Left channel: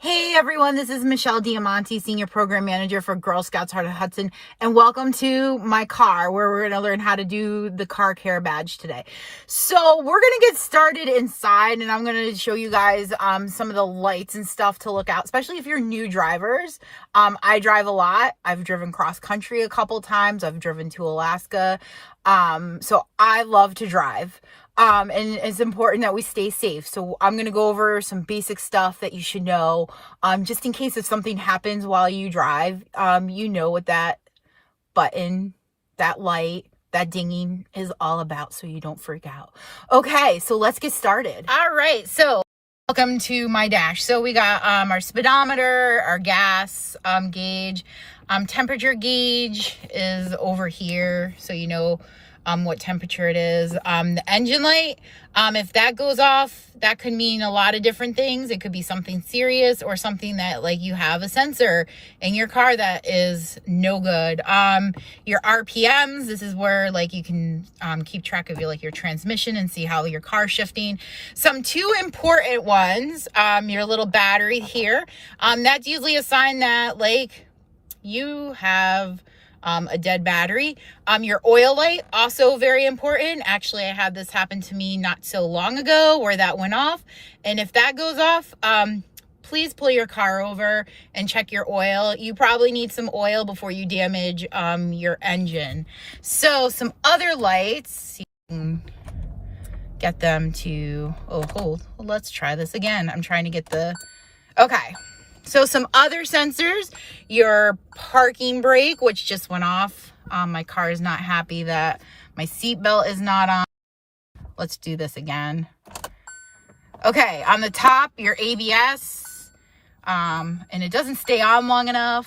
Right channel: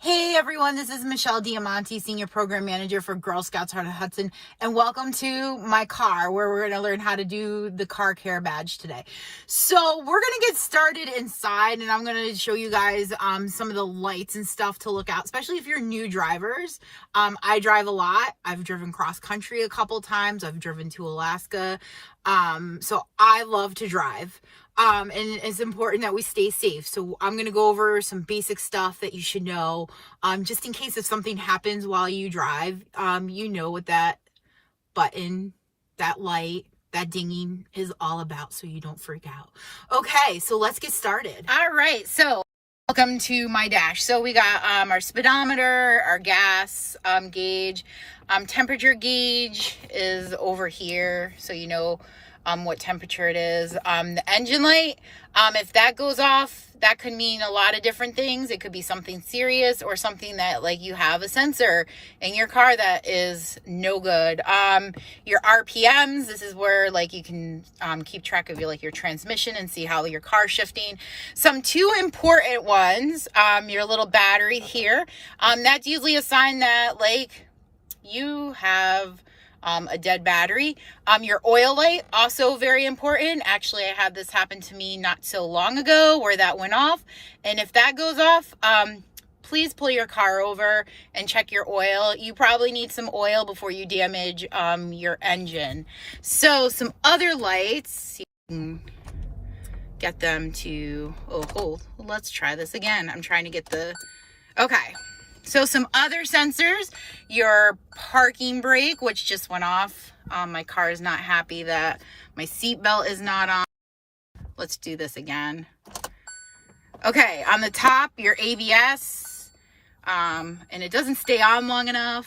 Hey everyone, this is Michelle Diamante, Senior Program Manager for Girl Scouts Heart of Hudson, and welcome to my car where we're going to learn how to do the car care badge today. So we're going to get started inside, and I'm going to show you guys some of the lights and stuff to look out, especially if you're new drivers. I drive a lot. I've driven cross country a couple times. I've driven to Alaska. So I love to drive. And it's important that we stay safe. So I'm going to go over some basic stuff that you should know, just in case if something happens while you drive, you know what that button, that light, that dinging is all about, so you don't freak out. Okay, so let's get started. All right, so welcome to my dash. So we got our speedometer, our gas gauge, temperature gauge is over here, so you know what temperature it is. The engine light, if that goes off, that could mean a lot of different things. It could be something serious or something that like you have a sensor in your car that is no good. Your RPMs, this is where like you can keep track of your transmission and see how your car's shifting. Some two important ones, your little battery here. That's usually a sign that like you have a dead battery. Your oil light, also very important. Actually, I had this happen to me not so long ago where that went off. And if that goes off, please pull your car over and check your oil. You probably need some oil before you damage your engine. So some other lights, you can get them to, let's try this again. I'm trying to get okay. So some other sensors, your parking brake, which just went off. My car is not happy that my seatbelt is not on. Let's do this again. Okay, on the top, your ABS, and it doesn't stay on long enough.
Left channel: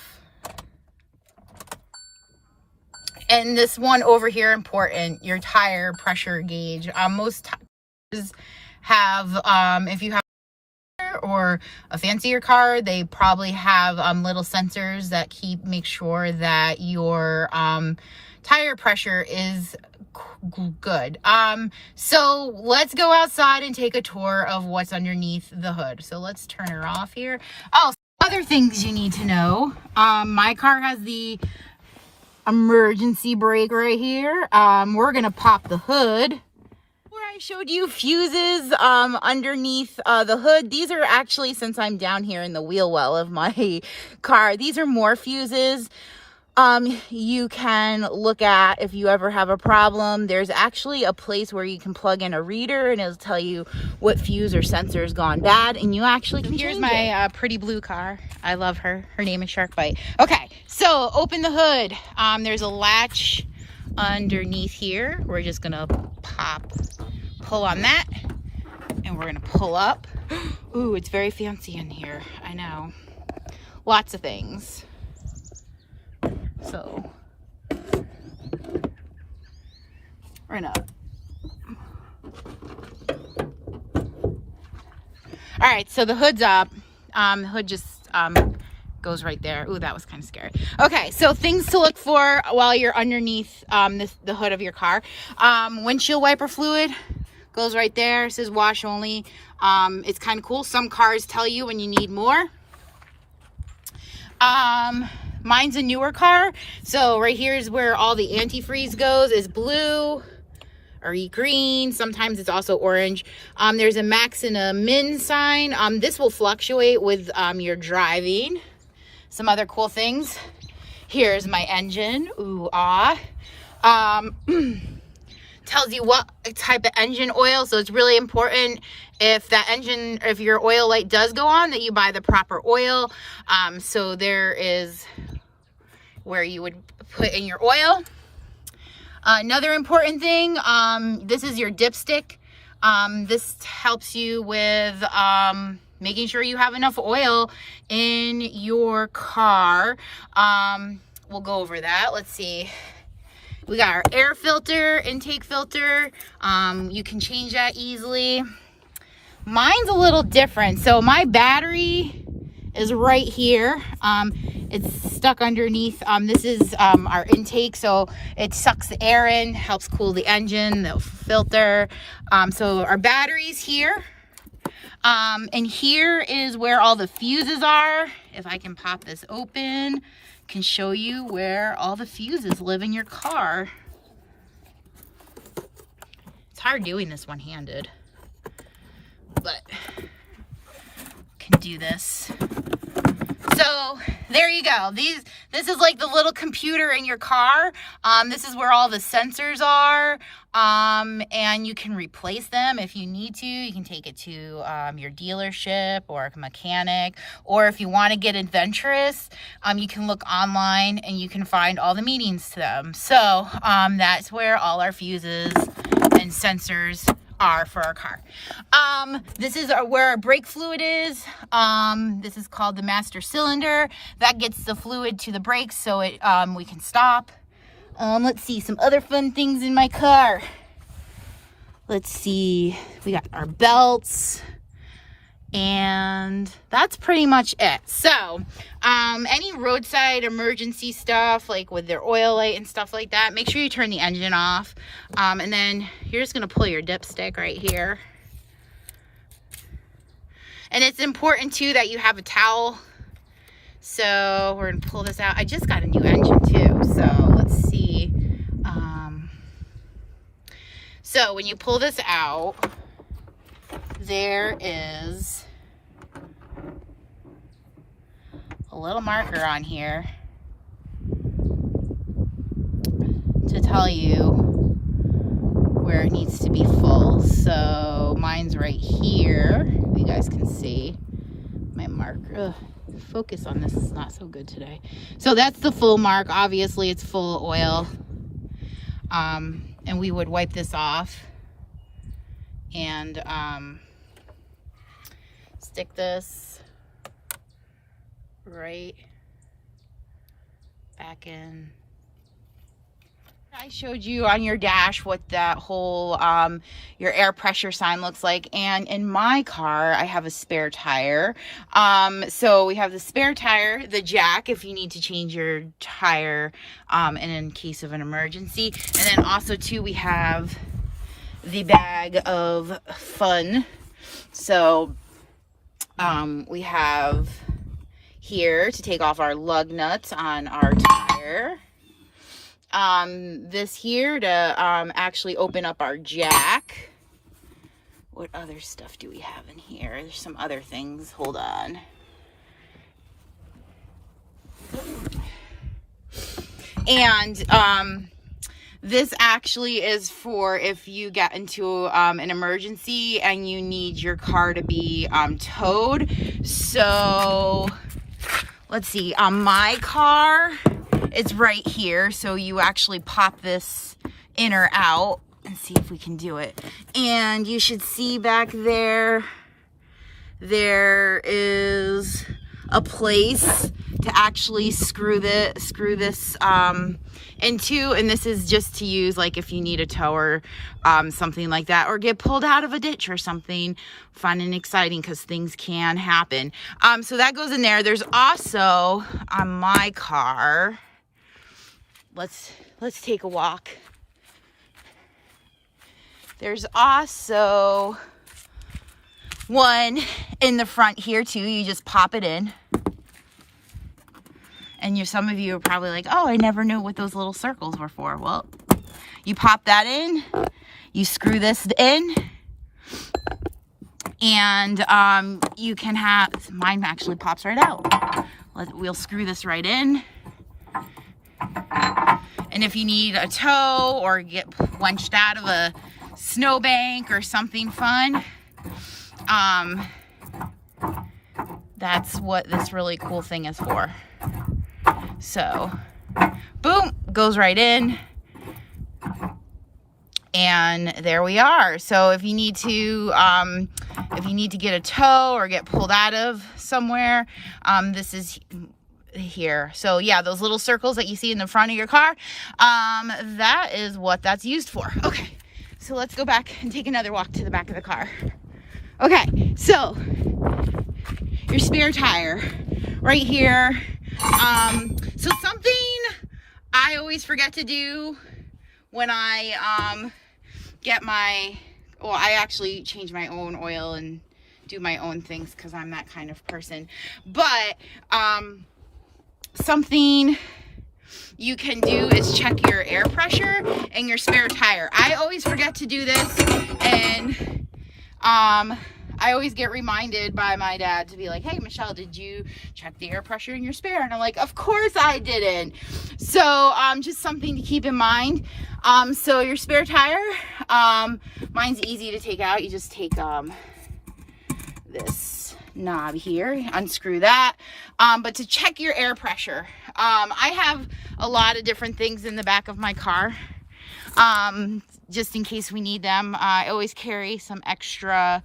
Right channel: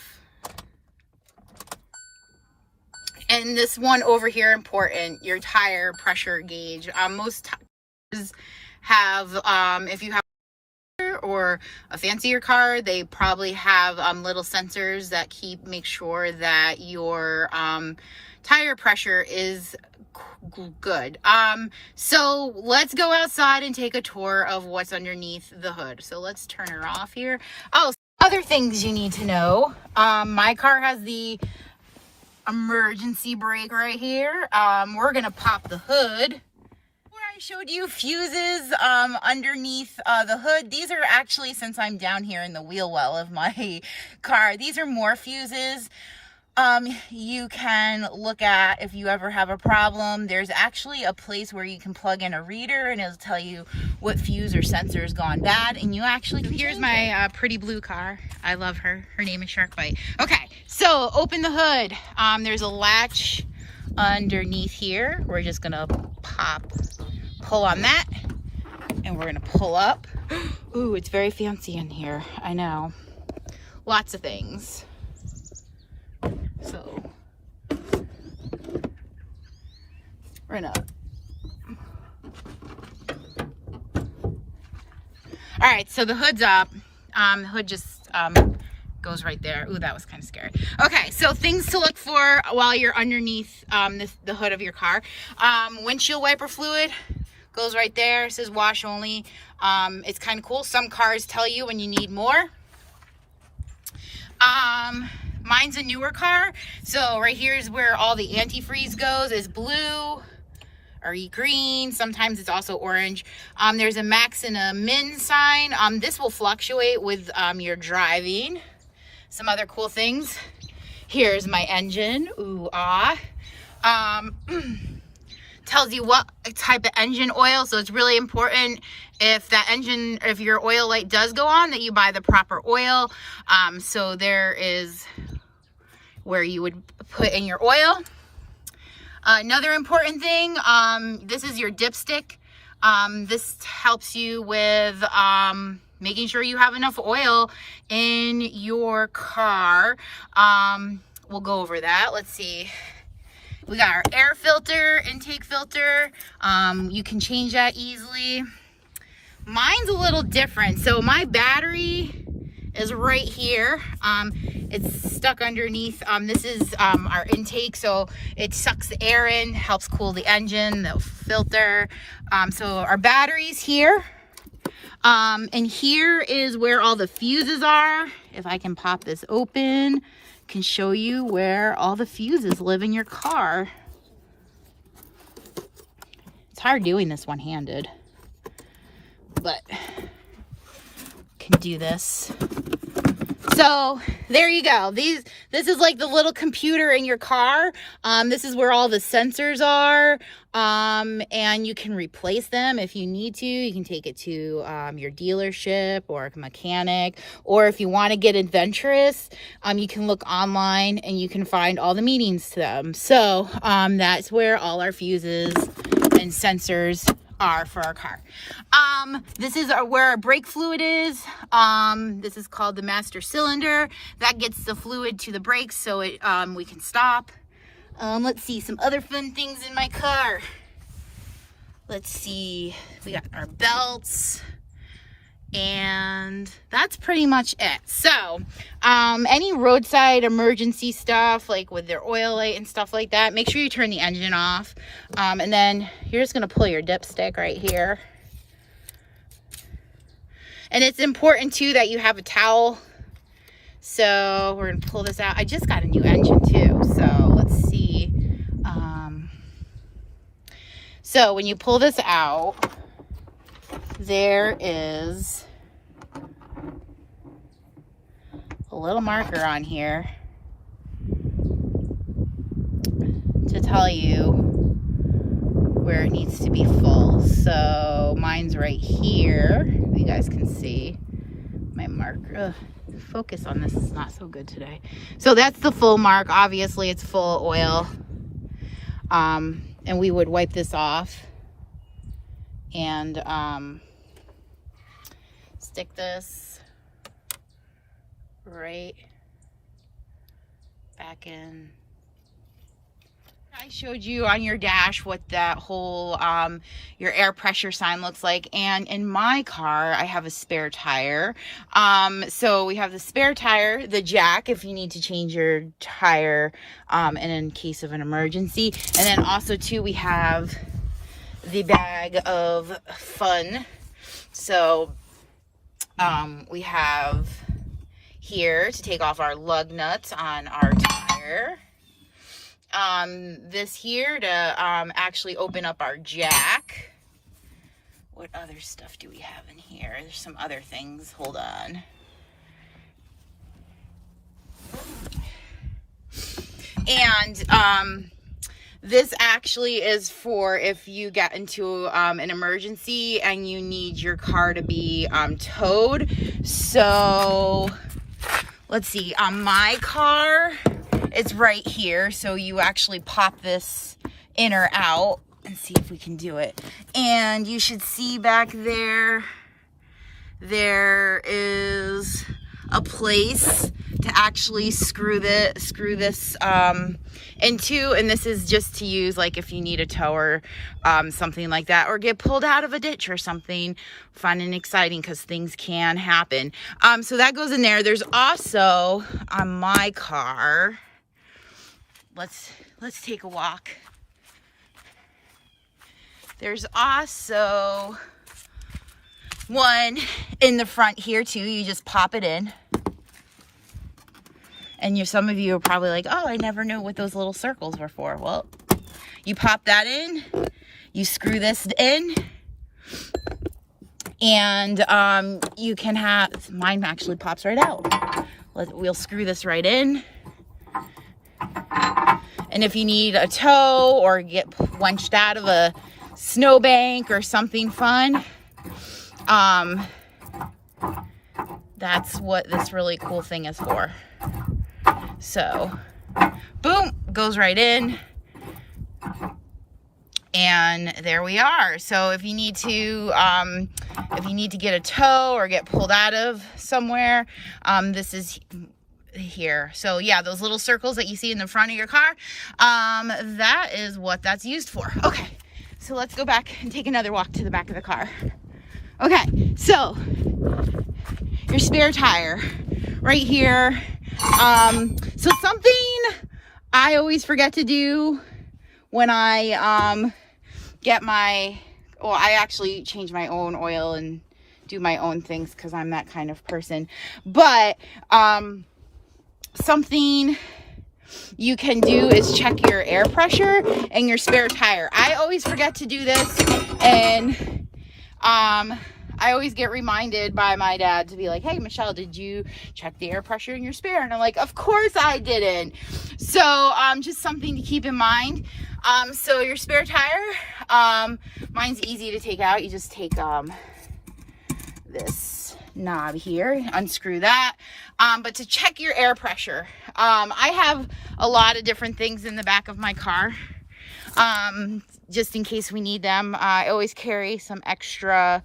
And this one over here, important, your tire pressure gauge. Most tires have, if you have or a fancier car, they probably have little sensors that make sure that your tire pressure is good. So let's go outside and take a tour of what's underneath the hood. So let's turn her off here. Oh, other things you need to know. My car has the emergency brake right here. We're gonna pop the hood. I showed you fuses underneath the hood. These are actually, since I'm down here in the wheel well of my car, these are more fuses you can look at if you ever have a problem. There's actually a place where you can plug in a reader and it'll tell you what fuse or sensor has gone bad, and you actually can here's my pretty blue car. I love her. Her name is Sharkbite. Okay, so open the hood. There's a latch underneath here. We're just gonna pull on that, and we're gonna pull up. Ooh, it's very fancy in here. I know, lots of things. So we're gonna, all right, so the hood's up. The hood just goes right there. Ooh, that was kind of scary. Okay, so things to look for while you're underneath the hood of your car. Windshield wiper fluid goes right there. It says wash only. It's kind of cool. Some cars tell you when you need more. Mine's a newer car, so right here is where all the antifreeze goes. Is blue or green. Sometimes it's also orange. There's a max and a min sign. This will fluctuate with your driving. Some other cool things. Here's my engine. Ooh, tells you what type of engine oil, so it's really important if your oil light does go on, that you buy the proper oil. So there is where you would put in your oil. Another important thing, this is your dipstick. This helps you with making sure you have enough oil in your car. We'll go over that. Let's see. We got our air filter, intake filter. You can change that easily. Mine's a little different. So my battery is right here. It's stuck underneath. This is our intake, so it sucks the air in, helps cool the engine, the filter. So our battery's here. And here is where all the fuses are. If I can pop this open, can show you where all the fuses live in your car. It's hard doing this one-handed, but can do this. So there you go. This is like the little computer in your car. This is where all the sensors are. And you can replace them if you need to. You can take it to your dealership or a mechanic, or if you want to get adventurous, you can look online and you can find all the meanings to them. So that's where all our fuses and sensors are for our car. This is where our brake fluid is. This is called the master cylinder. That gets the fluid to the brakes so it we can stop. Let's see some other fun things in my car. Let's see, we got our belts, and that's pretty much it. So any roadside emergency stuff, like with their oil light and stuff like that, make sure you turn the engine off. And then you're just gonna pull your dipstick right here. And it's important too that you have a towel. So we're gonna pull this out. I just got a new engine too, so let's see. So when you pull this out, there is a little marker on here to tell you where it needs to be full. So mine's right here. You guys can see my marker. Ugh, focus on this is not so good today. So that's the full mark. Obviously it's full of oil. And we would wipe this off and stick this right back in. I showed you on your dash what that whole your air pressure sign looks like, and in my car I have a spare tire. So we have the spare tire, the jack if you need to change your tire and in case of an emergency, and then also too we have the bag of fun. So we have here to take off our lug nuts on our tire. This here to actually open up our jack. What other stuff do we have in here? There's some other things. Hold on. And this actually is for if you get into an emergency and you need your car to be towed. So let's see, on my car it's right here, so you actually pop this in or out and see if we can do it. And you should see back there, there is a place to actually screw this into, and this is just to use like if you need a tow or something like that, or get pulled out of a ditch or something fun and exciting, because things can happen. So that goes in there. There's also on my car, let's take a walk. There's also one in the front here too. You just pop it in. And some of you are probably like, oh, I never knew what those little circles were for. Well, you pop that in, you screw this in, and you can have, mine actually pops right out. We'll screw this right in. And if you need a tow or get wenched out of a snowbank or something fun, that's what this really cool thing is for. So, boom, goes right in. And there we are. So if you need to get a tow or get pulled out of somewhere, this is here. So yeah, those little circles that you see in the front of your car, that is what that's used for. Okay, so let's go back and take another walk to the back of the car. Okay, so your spare tire right here. So something I always forget to do when I get my, well, I actually change my own oil and do my own things because I'm that kind of person. But something you can do is check your air pressure and your spare tire. I always forget to do this, and I always get reminded by my dad to be like, hey, Michelle, did you check the air pressure in your spare? And I'm like, of course I didn't. So just something to keep in mind. So your spare tire, mine's easy to take out. You just take this knob here, unscrew that. But to check your air pressure, I have a lot of different things in the back of my car, just in case we need them. I always carry some extra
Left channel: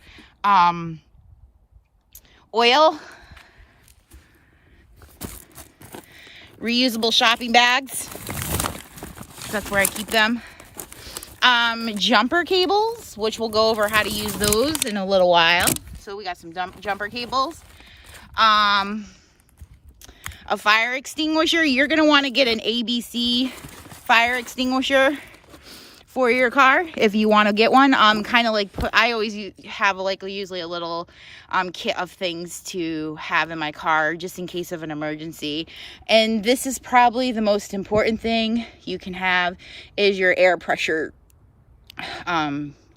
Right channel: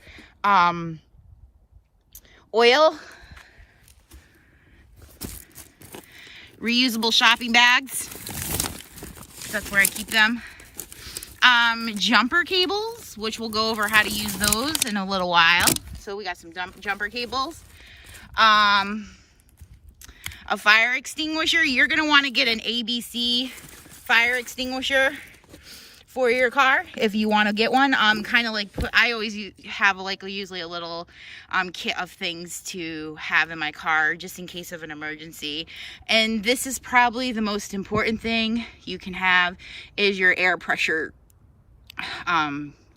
oil, reusable shopping bags. That's where I keep them. Jumper cables, which we'll go over how to use those in a little while. So we got some jumper cables. A fire extinguisher. You're going to want to get an ABC fire extinguisher for your car if you want to get one. Kind of like, I always have usually a little kit of things to have in my car just in case of an emergency. And this is probably the most important thing you can have, is your air pressure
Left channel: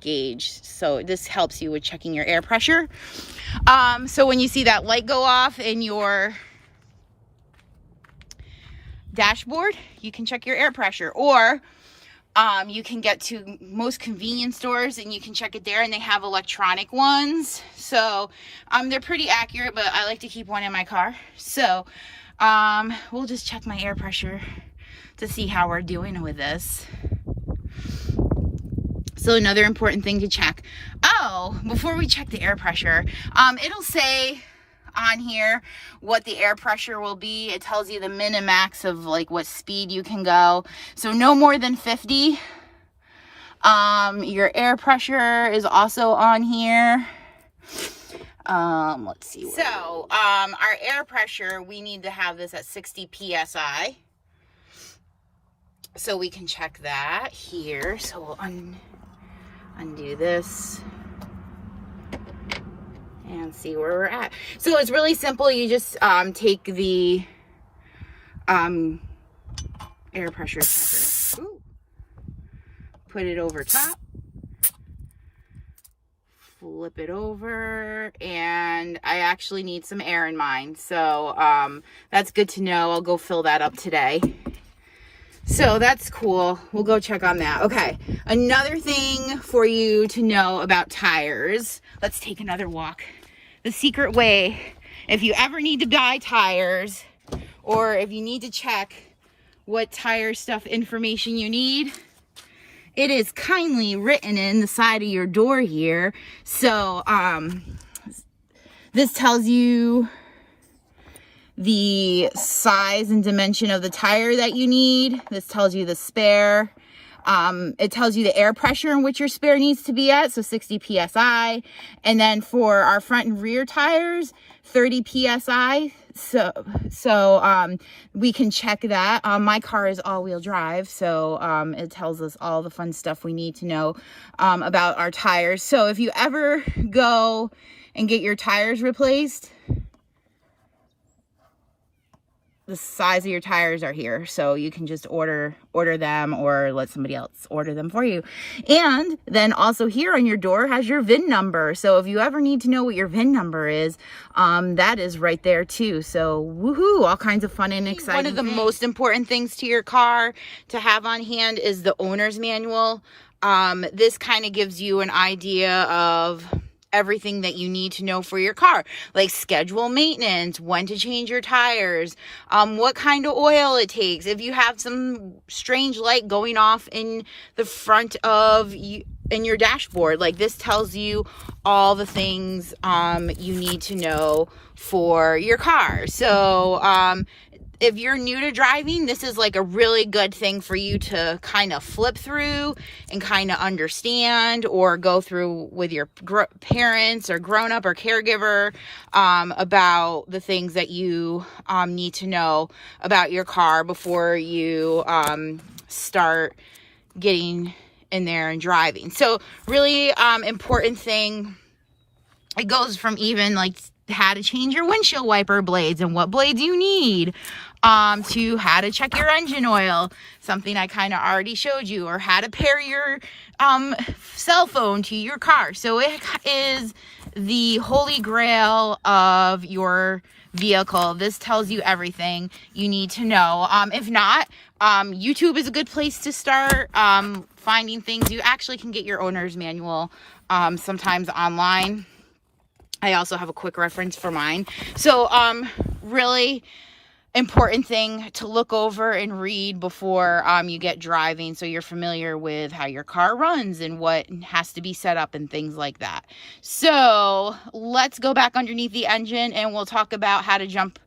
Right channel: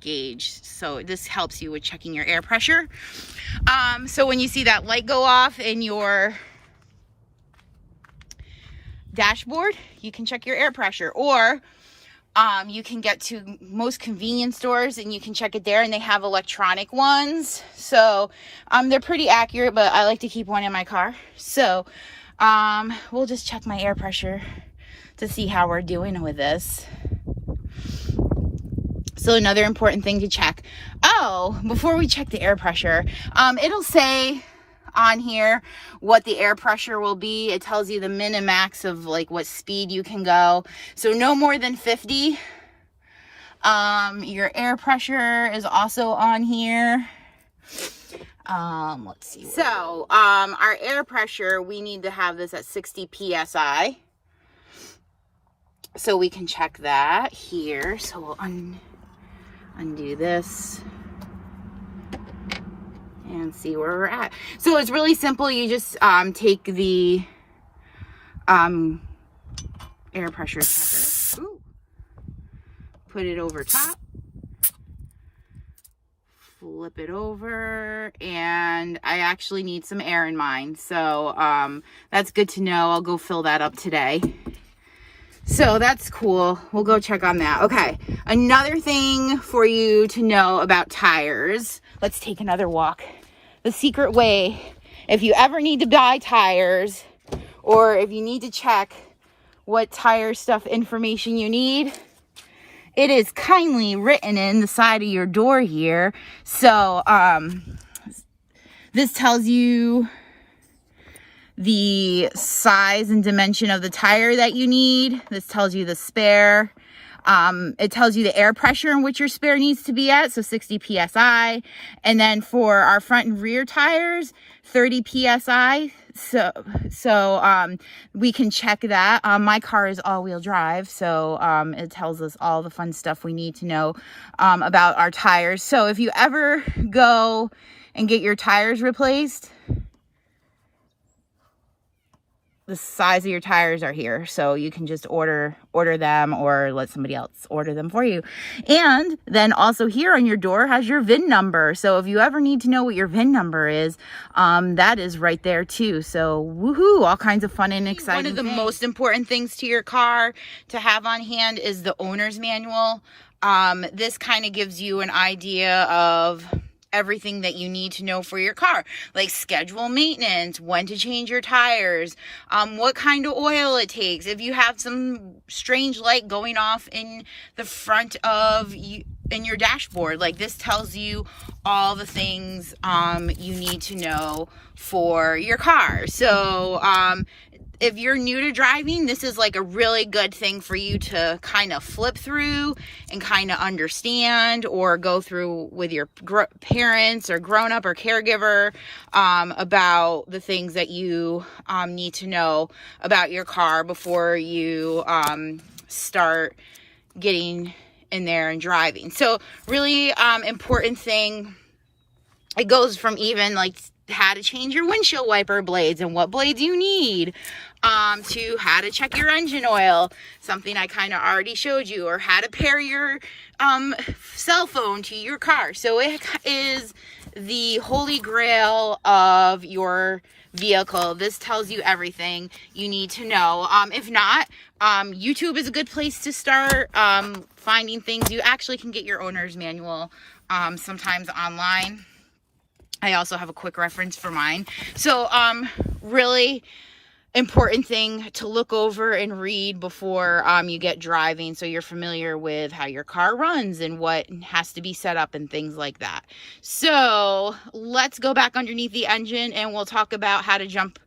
gauge. So this helps you with checking your air pressure. So when you see that light go off in your dashboard, you can check your air pressure. Or you can get to most convenience stores and you can check it there, and they have electronic ones. So they're pretty accurate, but I like to keep one in my car. So we'll just check my air pressure to see how we're doing with this. So another important thing to check. Oh, before we check the air pressure, it'll say on here what the air pressure will be. It tells you the min and max of like what speed you can go. So no more than 50. Your air pressure is also on here. Let's see. So our air pressure, we need to have this at 60 psi. So we can check that here. So we'll undo this and see where we're at. So it's really simple. You just take the air pressure checker, put it over top, flip it over, and I actually need some air in mine. So that's good to know. I'll go fill that up today. So that's cool. We'll go check on that. Okay, another thing for you to know about tires. Let's take another walk. The secret way, if you ever need to buy tires, or if you need to check what tire stuff information you need, it is kindly written in the side of your door here. So this tells you the size and dimension of the tire that you need. This tells you the spare. It tells you the air pressure in which your spare needs to be at, so 60 psi. And then for our front and rear tires, 30 psi. So we can check that. My car is all-wheel drive, so it tells us all the fun stuff we need to know about our tires. So if you ever go and get your tires replaced, the size of your tires are here, so you can just order them or let somebody else order them for you. And then also here on your door has your VIN number, so if you ever need to know what your VIN number is, that is right there too. So woohoo, all kinds of fun and exciting. One of the most important things to your car to have on hand is the owner's manual. This kind of gives you an idea of everything that you need to know for your car, like schedule maintenance, when to change your tires, what kind of oil it takes, if you have some strange light going off in the front of you in your dashboard. Like, this tells you all the things you need to know for your car. So if you're new to driving, this is like a really good thing for you to kind of flip through and kind of understand, or go through with your parents or grown-up or caregiver about the things that you need to know about your car before you start getting in there and driving. So really important thing It goes from even like how to change your windshield wiper blades and what blades you need, to how to check your engine oil, something I kind of already showed you, or how to pair your cell phone to your car. So it is the holy grail of your vehicle. This tells you everything you need to know. If not, YouTube is a good place to start finding things. You actually can get your owner's manual sometimes online. I also have a quick reference for mine. So really important thing to look over and read before you get driving, so you're familiar with how your car runs and what has to be set up and things like that. So let's go back underneath the engine and we'll talk about how to jump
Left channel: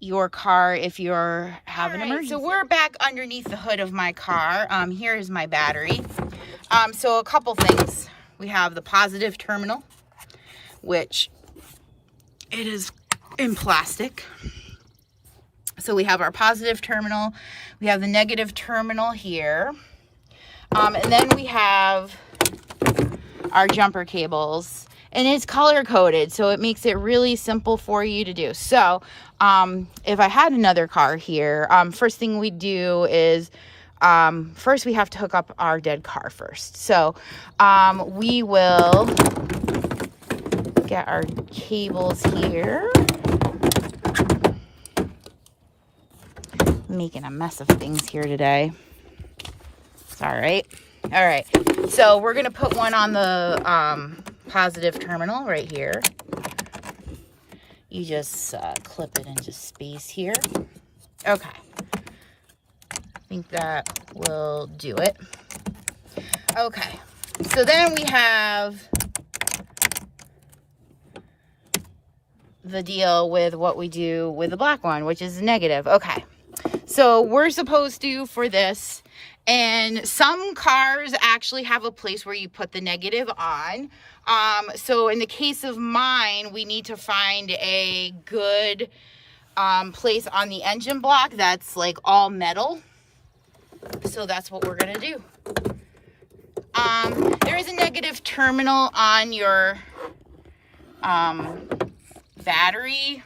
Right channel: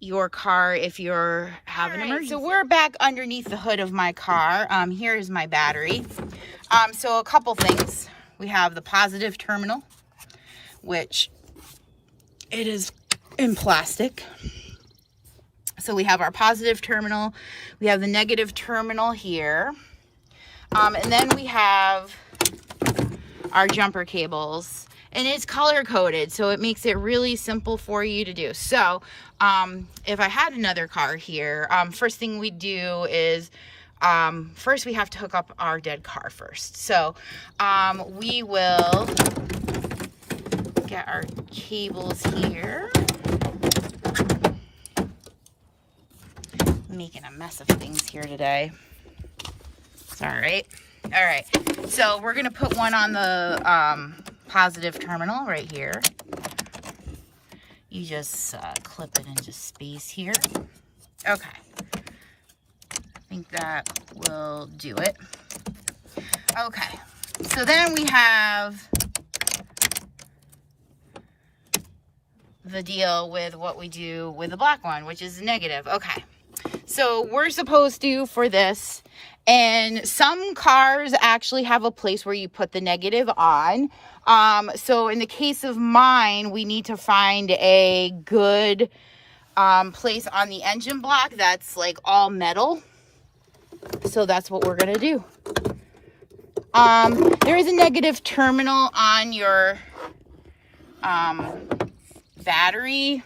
your car if you're having an emergency. So we're back underneath the hood of my car. Here is my battery. So a couple things. We have the positive terminal, which it is in plastic. So we have our positive terminal, we have the negative terminal here, and then we have our jumper cables, and it's color coded, so it makes it really simple for you to do. So if I had another car here, first thing we do is first we have to hook up our dead car first. So we will get our cables here. I'm making a mess of things here today. It's all right. All right. So we're going to put one on the positive terminal right here. You just clip it into space here. Okay. I think that will do it. Okay. So then we have the deal with what we do with the black one, which is negative. Okay. So we're supposed to, for this, and some cars actually have a place where you put the negative on. So in the case of mine, we need to find a good place on the engine block that's like all metal. So that's what we're going to do. There is a negative terminal on your battery.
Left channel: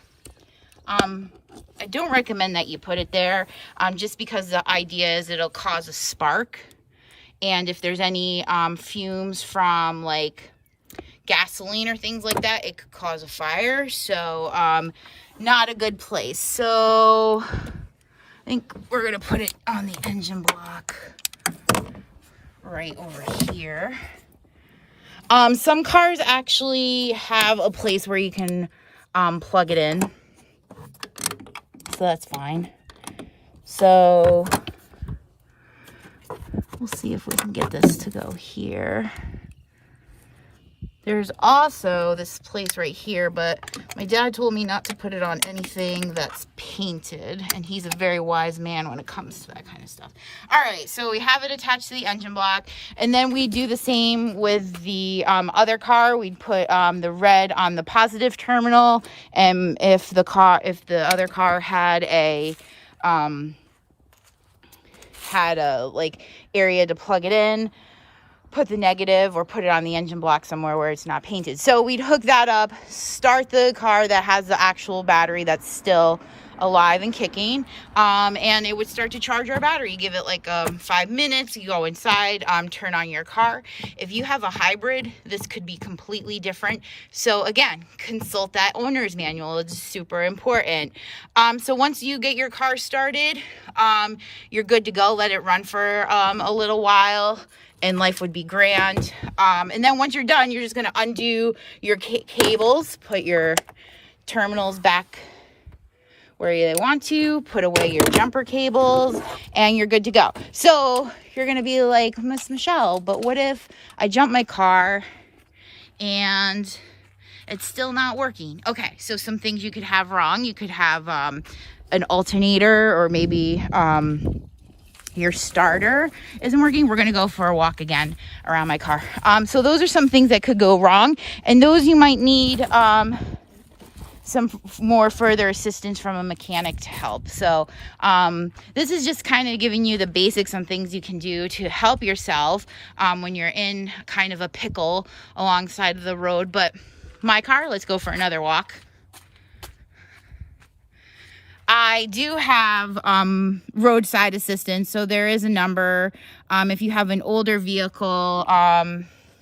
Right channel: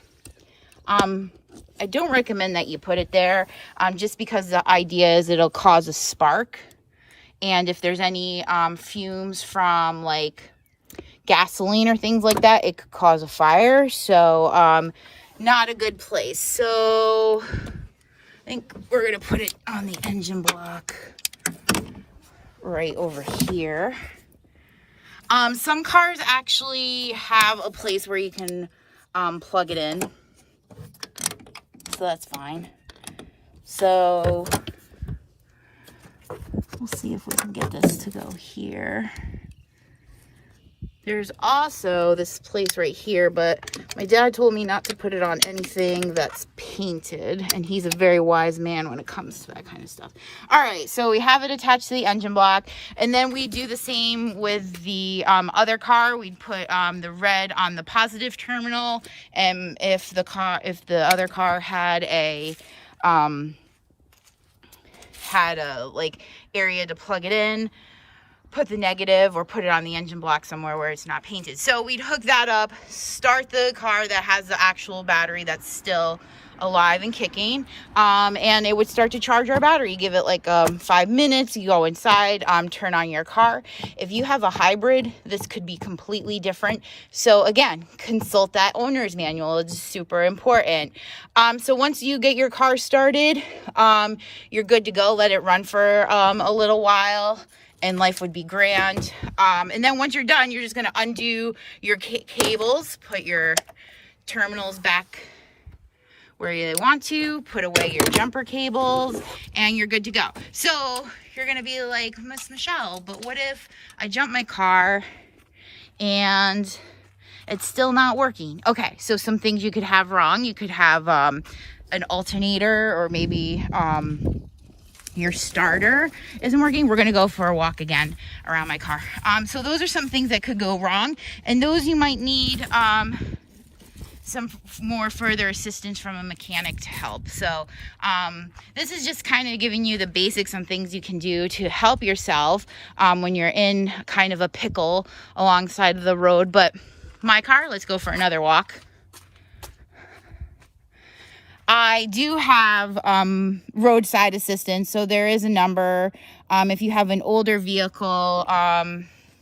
I don't recommend that you put it there, just because the idea is it'll cause a spark. And if there's any fumes from like gasoline or things like that, it could cause a fire. So not a good place. So I think we're going to put it on the engine block right over here. Some cars actually have a place where you can plug it in. So that's fine. So let's see if we can get this to go here. There's also this place right here, but my dad told me not to put it on anything that's painted, and he's a very wise man when it comes to that kind of stuff. All right, so we have it attached to the engine block, and then we do the same with the other car. We'd put the red on the positive terminal, and if the other car had a like area to plug it in, put the negative or put it on the engine block somewhere where it's not painted. So we'd hook that up, start the car that has the actual battery that's still alive and kicking, and it would start to charge our battery. You give it like 5 minutes, you go inside, turn on your car. If you have a hybrid, this could be completely different. So again, consult that owner's manual. It's super important. So once you get your car started, you're good to go. Let it run for a little while, and life would be grand. And then once you're done, you're just going to undo your cables, put your terminals back where you want to, put away your jumper cables, and you're good to go. So you're going to be like, Miss Michelle, but what if I jump my car and it's still not working? Okay, so some things you could have wrong. You could have an alternator, or maybe your starter isn't working. We're going to go for a walk again around my car. So those are some things that could go wrong, and those you might need some more further assistance from a mechanic to help. So this is just kind of giving you the basics on things you can do to help yourself when you're in kind of a pickle alongside of the road. But my car. Let's go for another walk. I do have roadside assistance, so there is a number. If you have an older vehicle,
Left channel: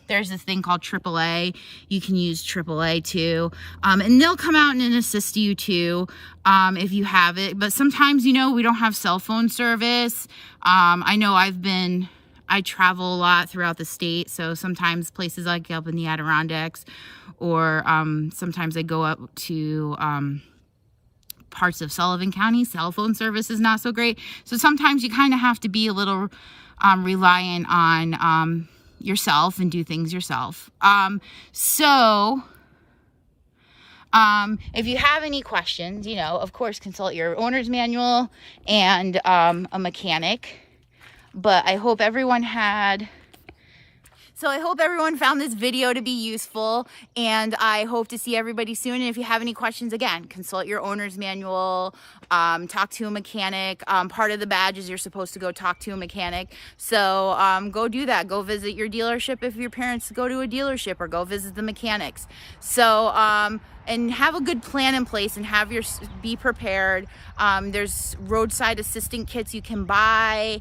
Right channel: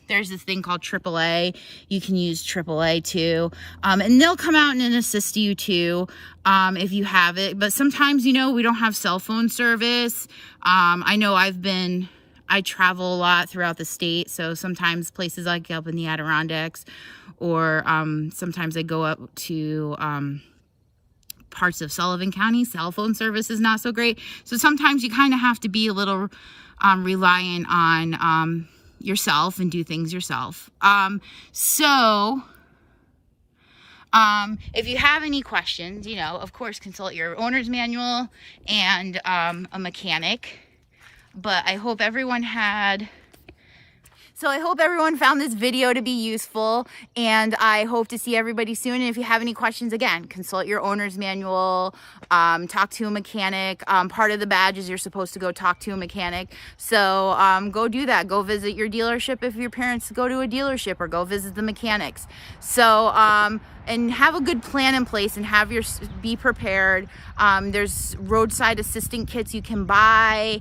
there's this thing called AAA. You can use AAA too, and they'll come out and assist you too if you have it. But sometimes, you know, we don't have cell phone service. I know I travel a lot throughout the state, so sometimes places like up in the Adirondacks, or sometimes I go up to parts of Sullivan County. Cell phone service is not so great, so sometimes you kind of have to be a little reliant on yourself and do things yourself. If you have any questions, you know, of course, consult your owner's manual and a mechanic. But I hope everyone found this video to be useful, and I hope to see everybody soon. And if you have any questions, again, consult your owner's manual, talk to a mechanic. Part of the badge is you're supposed to go talk to a mechanic. So go do that. Go visit your dealership if your parents go to a dealership, or go visit the mechanics. So, and have a good plan in place, and be prepared. There's roadside assistant kits you can buy,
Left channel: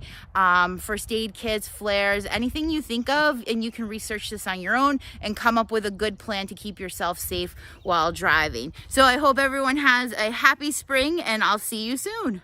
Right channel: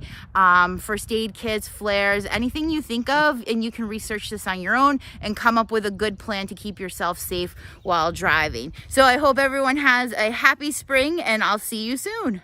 first aid kits, flares, anything you think of, and you can research this on your own and come up with a good plan to keep yourself safe while driving. So I hope everyone has a happy spring, and I'll see you soon.